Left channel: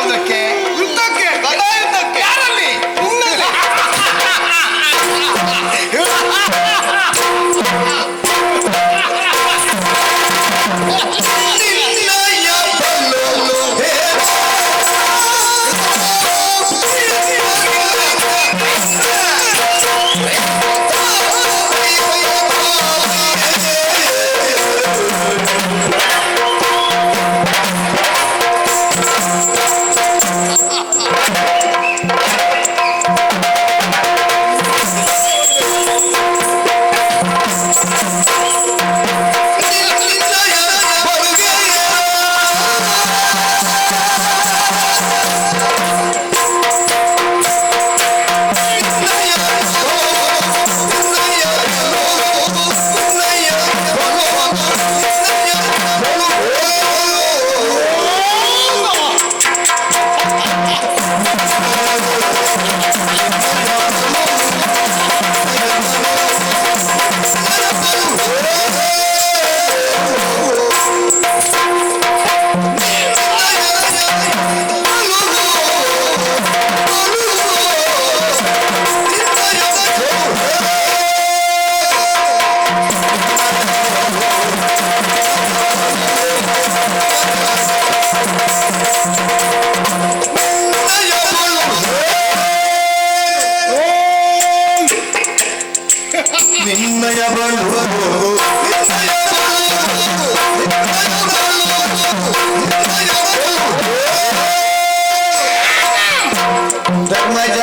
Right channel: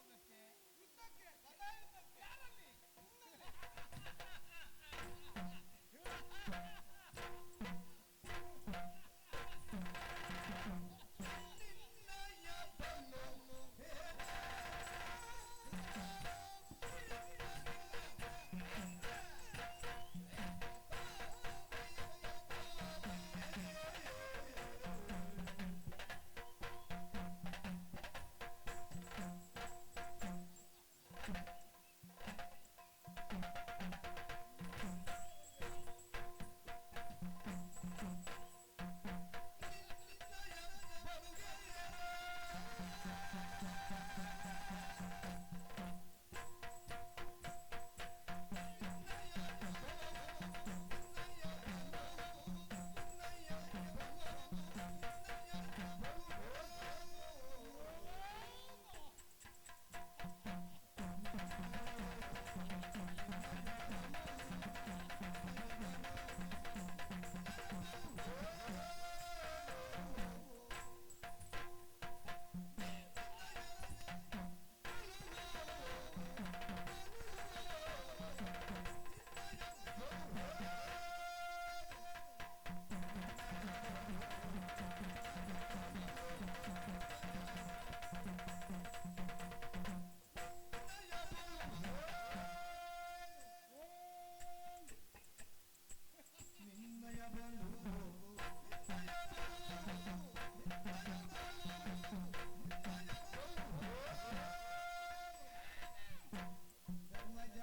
ಯಾವುದಕ್ಕೆ? ಯುದ್ಧಕ್ಕೆ. ಗದಾಯುದ್ಧಕ್ಕೆ. ಯಾರಲ್ಲಿ? ನಿನ್ನಲ್ಲಿ. ನಿನ್ನಯ ಧರ್ಮಜ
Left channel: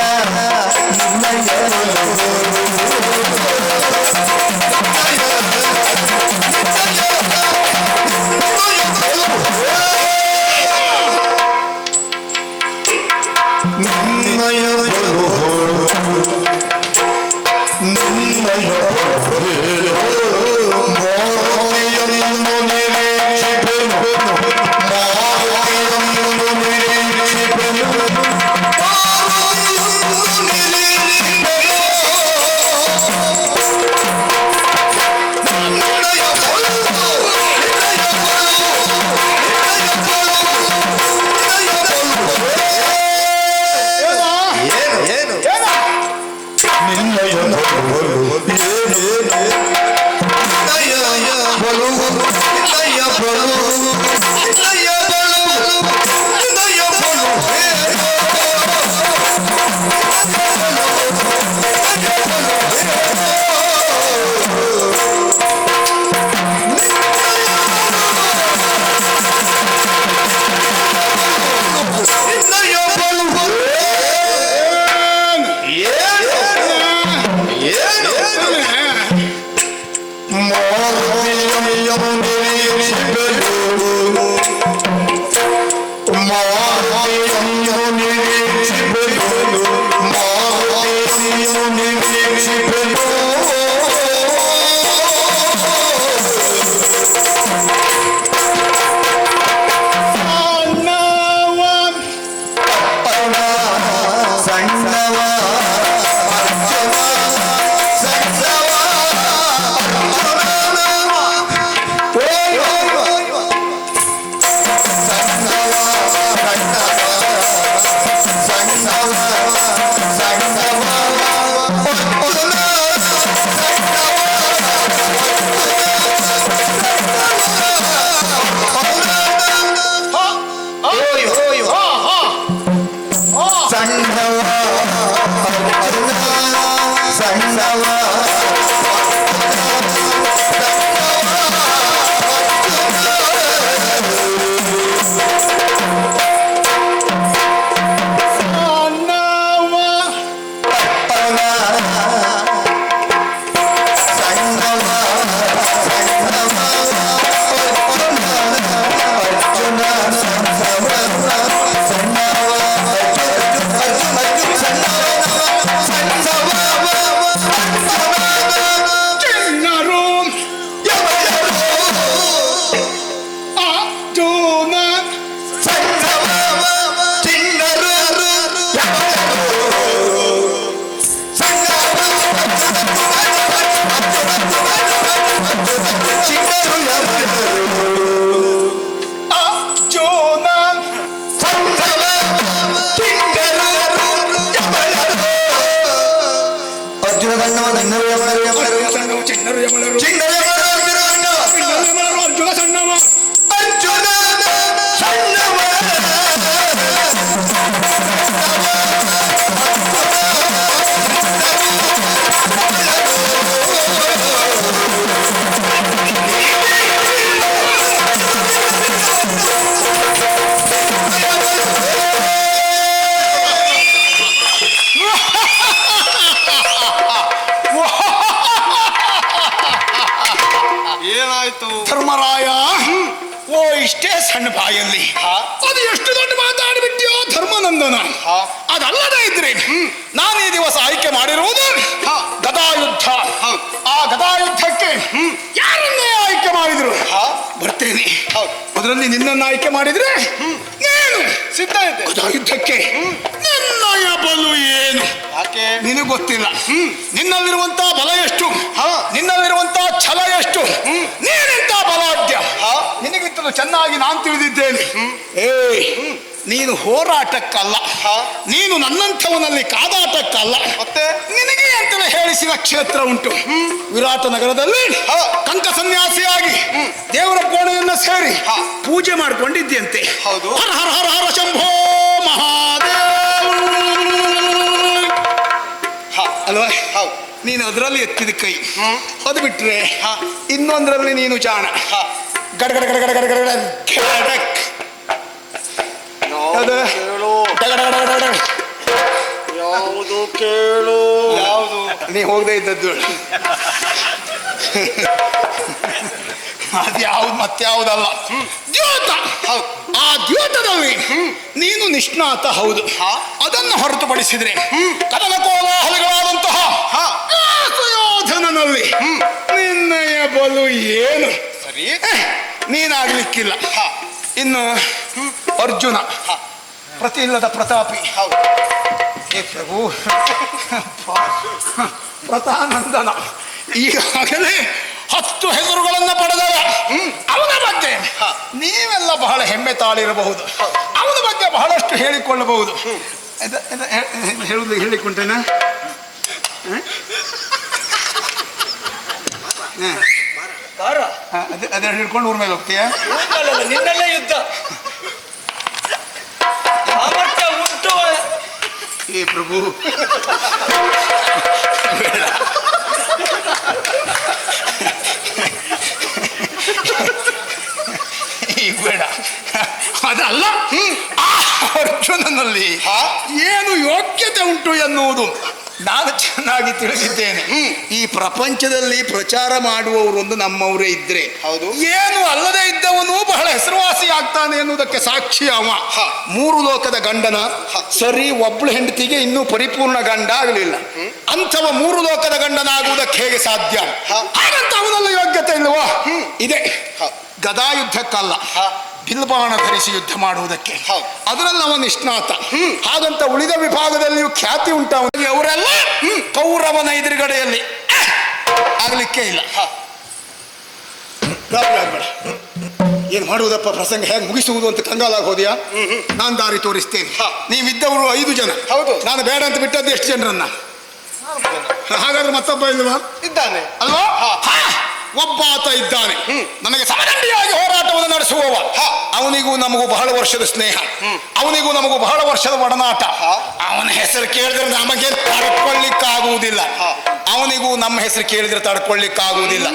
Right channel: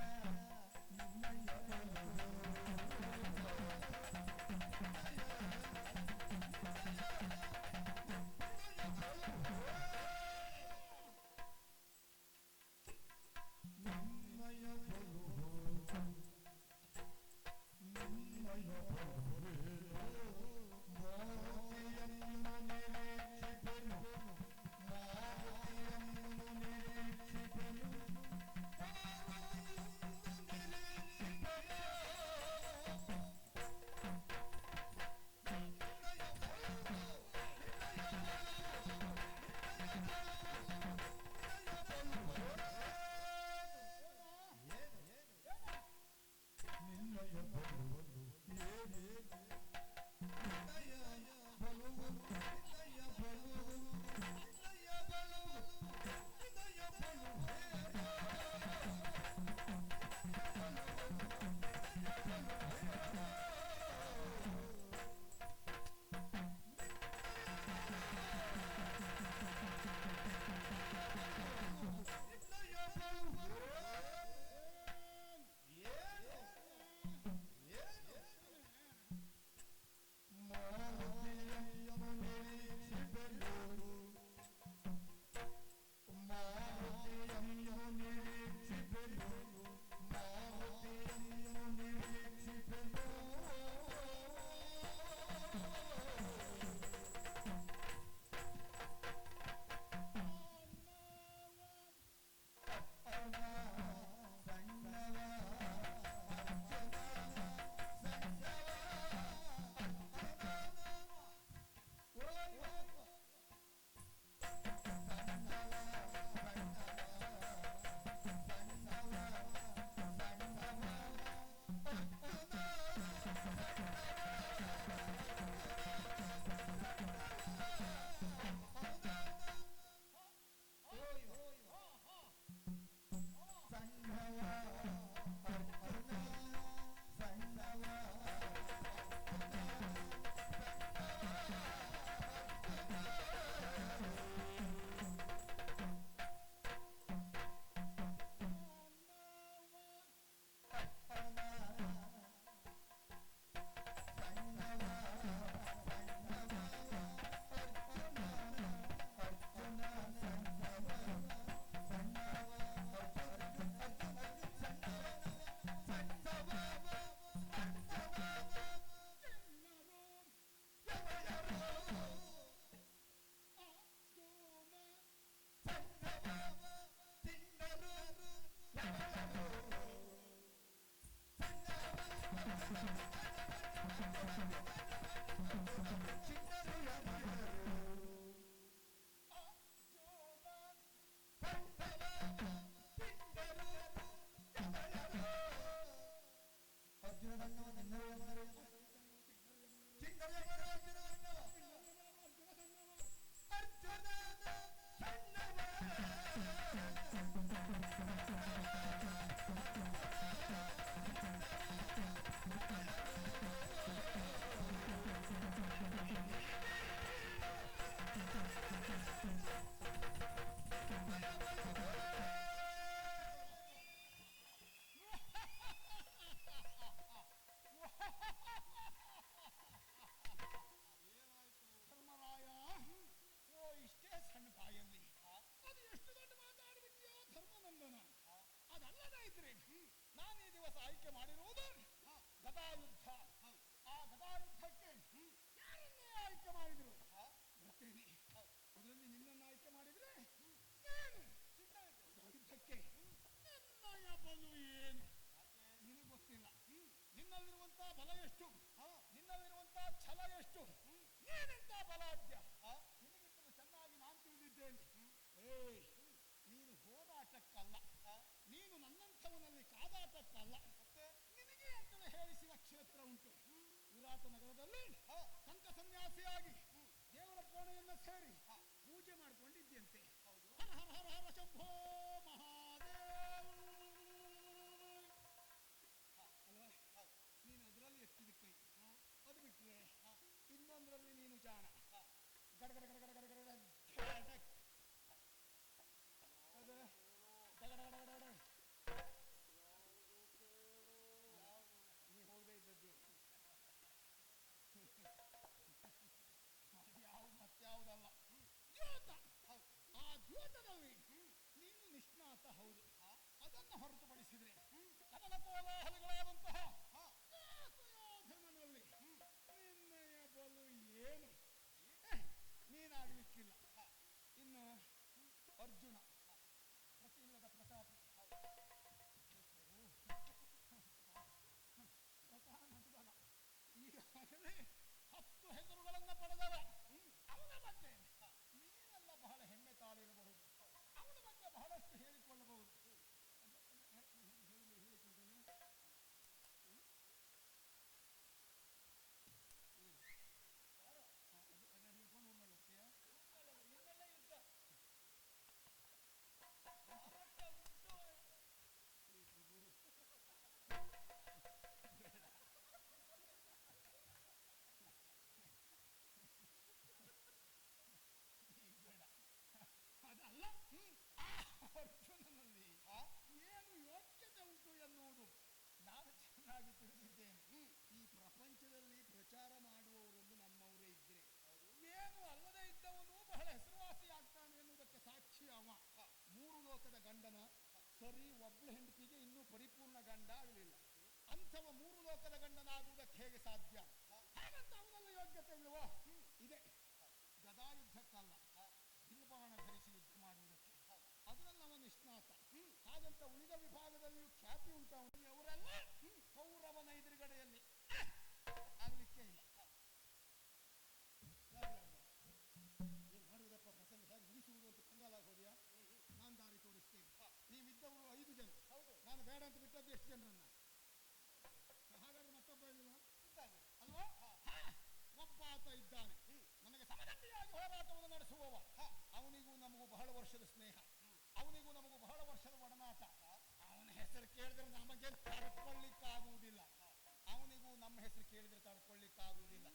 ಸಣ್ಣ ಕಣ್ಣು ಬಾಯಲ್ಲಿ ಅದು ಎಷ್ಟು ದೊಡ್ಡ ಮಾತಾಡಿಬಿಟ್ಟಿಯೋ ಧರ್ಮನಂದನ. ಅದಲ್ಲದೆ ಇದ್ರೆ ನಾನು ಈ ದಿವಸ ಆಯ್ಕೆ ಮಾಡಿರುವುದು ಗದಾಯುದ್ಧ. ಆ ಗದಾಯುದ್ಧಕ್ಕೆ ಯಾರನ್ನೇ ಆಯ್ಕೆ ಮಾಡಿದ್ರು ಬರ್ತೇನೆ. ಅದರಲ್ಲಿ ನಿನ್ನನ್ನು ಆಯ್ಕೆ ಮಾಡಿದ್ರೆ నేను ಸಿದ್ಧ ಇದ್ದೆ. ಗದಾಯುದ್ಧಕ್ಕೆ ನಿನ್ನಯ ಬಲು ಏನು ನಿನಗೆ ಗೊತ್ತಿಲ್ಲ. ನಿನ್ನಲ್ಲಿರುವಂತಹ ಬಲ ಎಷ್ಟು, ನಿನ್ನಲ್ಲಿರುವಂತಹ ಛಲ ಎಷ್ಟು, ನೀನೆಂತ ಬಲಾಢ್ಯ ನಿನಗಿಂತಲೂ ಚೆನ್ನಾಗಿ ನಾನು ತಿಳಿದಿದ್ದೇನೆ. ನೀನು ಹೋರಾಟಕ್ಕಲ್ಲ, ನೀನು ನನ್ನಂಥವನಲ್ಲಿ ಕಾದಾಟಕ್ಕಲ್ಲ. ಮತ್ತೆ ನಿನಗೆ ಅಂತಲೇ ಹೇಳಿಸಿದ ಕ್ಷೇತ್ರ ಉಂಟು. ವಿರಾಟ ನಗರದಲ್ಲಿ ಕಂಕ ಸನ್ಯಾಸಿಯಾಗಿ ದೇವರ ಕೋಣೆಯನ್ನ ಸೇರಿ ಪೂಜೆ ಮಾಡಿಕೊಂಡಿದ್ದಂತೆ. ಹೌದು. ಹರ ಹರ ಹರ ಹರ ಶಂಭೋ ಮಹಾದೇವ ಅಲ್ವಾ? ನೀನು ಅದರಲ್ಲಿ ಎತ್ತಿದ ಕೈ, ಅದು ಬಿಟ್ರೆ ಇನ್ನೊಂದರಲ್ಲಿ ನೀನು ಜಾಣ. ಗಡಗಡ ಗಡಗಡ ಗಡಗಡ ಗಡಕ್ ಯಾವುದು ಕೇಳು, ಯಾವುದು ನೀ ಹೋಗದೆ ಇದ್ದದ್ದು ಅದ್ಯಾವ್ದು ಮತ್ಯಾವುದಲ್ಲ, ದ್ಯೋತ. ಆ ದ್ಯೋತದಲ್ಲಿ ನೀನು ನಿಷ್ಣಾತ. ಹೌದು. ಅದನ್ನು ಹೊರತುಪಡಿಸಿದ್ರೆ ಕದನ ಕೋಲಾಹಲಗಳಾದಂತಹ ಸುಯೋಧನನಲ್ಲಿ ನಿನ್ನಯ ಬಲು ಏನು ಸರಿ ನೀನಾಗ್ಲಿಕ್ಕಿಲ್ಲ. ಇನ್ನು ಅರ್ಜುನ ಪ್ರತಿ ಇಲ್ಲದ ಪ್ರತಾಪಿ. ಹೇ ಪ್ರಭು ಪ್ರತಾನಂದನ ಈಗಾಗಲೇ 10 ಹೆಸರುಗಳನ್ನು ಪಡೆದವ. ಅವನ ಬಗ್ಗೆ ನೀವೆಲ್ಲ ಬಹಳ ಹೆಮ್ಮೆ ತಾಳಿರಬಹುದು. ಅವನ ಬಗ್ಗೆ ಬಹಳಷ್ಟು ಹೇಳಿಕೊಳ್ಳಬಹುದು. ಹೇಳಿಕೊಂಡೇನ ಅದೇ ಹಿಡ್ಕೊಂಡು ಊರ್ ಮೇಲೆ ಹೋಗ್ತೀಯ. ನಿನ್ನೆಲ್ಲ ಯುದ್ಧ ಸಾಮರ್ಥ್ಯ ಉಂಟು. ಏ ಪ್ರಭು ಈಗ ಬೇಡ. ಅದಲ್ಲ, ಆ ಅರ್ಜುನನಲ್ಲಿ ಏನು ಯೋಗ್ಯತೆ ಉಂಟು ಎನ್ನುವುದು ನಾನು ಚೆನ್ನಾಗಿ ತಿಳಿದಿದ್ದೇನೆ. ಈ ಪ್ರಪಂಚದಲ್ಲಿ ಪ್ರಚಾರ ಮಾಡುವವರು ಒಂದು ನಮ್ಮವರೇ ಇದ್ರೆ, ಹೌದು, ಏನು ಅಲ್ಲದೆ ಇದ್ದವನು ಬಹಳ ಹೆಸರುವಾಸಿ ಆಗ್ತಾನೆ ಎನ್ನುವುದಕ್ಕೆ ಸಾಕ್ಷಿ ಅವ. 3 ಲೋಕದ ಗಂಡನ ಸರಿ, ಒಬ್ಳು ಹೆಂಡತಿಗೆ ಇನ್ನೂ ಪರಿಪೂರ್ಣ ಗಂಡ ಆಗಲಿಲ್ಲ. ಅಂಥವ 3 ಲೋಕದ ಗಂಡನಾಗುವುದಕ್ಕೆ ಹೇಗೆ ಸಾಧ್ಯ? ಹಾಗಂತ ಅವನಲ್ಲಿ ಯೋಗ್ಯತೆ ಇಲ್ವಾ? ಇದೆ. ಗದಾಯುದ್ಧಕ್ಕಲ್ಲ, ಬಿಲ್ಬಾಣ ಧರಿಸಿ ಯುದ್ಧ ಮಾಡುವುದಕ್ಕೆ. ಅದರಲ್ಲಿ ಅವನು ನಿಷ್ಣಾತ. ಹಾಗಂತ ಉಳಿದ ವಿಭಾಗದಲ್ಲಿಯೂ ಖ್ಯಾತಿ ಉಂಟವನಿಗೆ. ಅವರೆಲ್ಲ ಕೌರವನ ಎದುರುಗಡೆಯಲ್ಲಿ ಆಗ್ಲಿಕ್ಕೆ ಇಲ್ಲ. ಏನ್ ಮಾಡುವುದಪ್ಪ, ಪ್ರಸಂಗ ಹೇಗೆ ಮುಗಿಸುವುದು ಅಂತ ಕಂಗಾಲಾಗಿ ಹೋದ್ಯಾ? ನಾನು ದಾರಿ ತೋರಿಸ್ತೇನೆ. ನೀವಿದ್ದವರು 5 ಜನ. ಹೌದು. ನಾನು ಬೇಡ ಅಂತ ಬಿಟ್ಟದ್ದು ಎಷ್ಟು ಜನರನ್ನ? ಹಾಗಾದ್ರೆ ಮತ್ತೊಬ್ಬ ಇಲ್ವಾ? ಇದ್ದಾನೆ ಅಲ್ವಾ? ಒಬ್ಬಾತ ಇದ್ದಾನೆ, ನನಗೆ ಸಮದಂಡಿಯಾಗಿ ಹೋರಾಟವನ್ನು ನಡೆಸುವವ. ಅವನಿಗೂ ನಮಗೂ ಬಹಳ ವರ್ಷದ ಸ್ನೇಹ, ಅವನಿಗೂ ನಮಗೂ ಬಹಳ ವರ್ಷದ ಒಡನಾಟ. ಅವನ ಹೆಸರು ಕೇಳಿದ್ರೆ ನಮಗೆ ತಡ್ಕೊಳ್ಳಿಕ್ಕಾಗುವುದಿಲ್ಲ, ಅವನಿಗೂ ನಮ್ಮ ಹೆಸರು ಕೇಳಿದ್ರೆ ತಡ್ಕೊಳ್ಳಿಕ್ಕಾಗುವುದಿಲ್ಲ.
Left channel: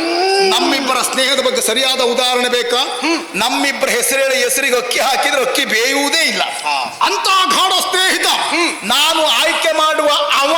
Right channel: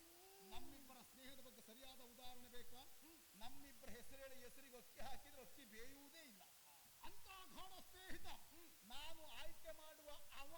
ನಮ್ಮಿಬ್ಬರ ಸ್ನೇಹದ ಬಗ್ಗೆ ಸರಿಯಾದ ಉದಾಹರಣೆ ಬೇಕಾ? ನಮ್ಮಿಬ್ಬರ ಹೆಸರಿಗೆ ಅಕ್ಕಿ ಹಾಕಿದ್ರೆ ಅಕ್ಕಿ ಬೇಯುವುದೇ ಇಲ್ಲ. ಅಂತ ಗಾಢ ಸ್ನೇಹಿತ. ನಾನು ಆಯ್ಕೆ ಮಾಡುವ ಅವ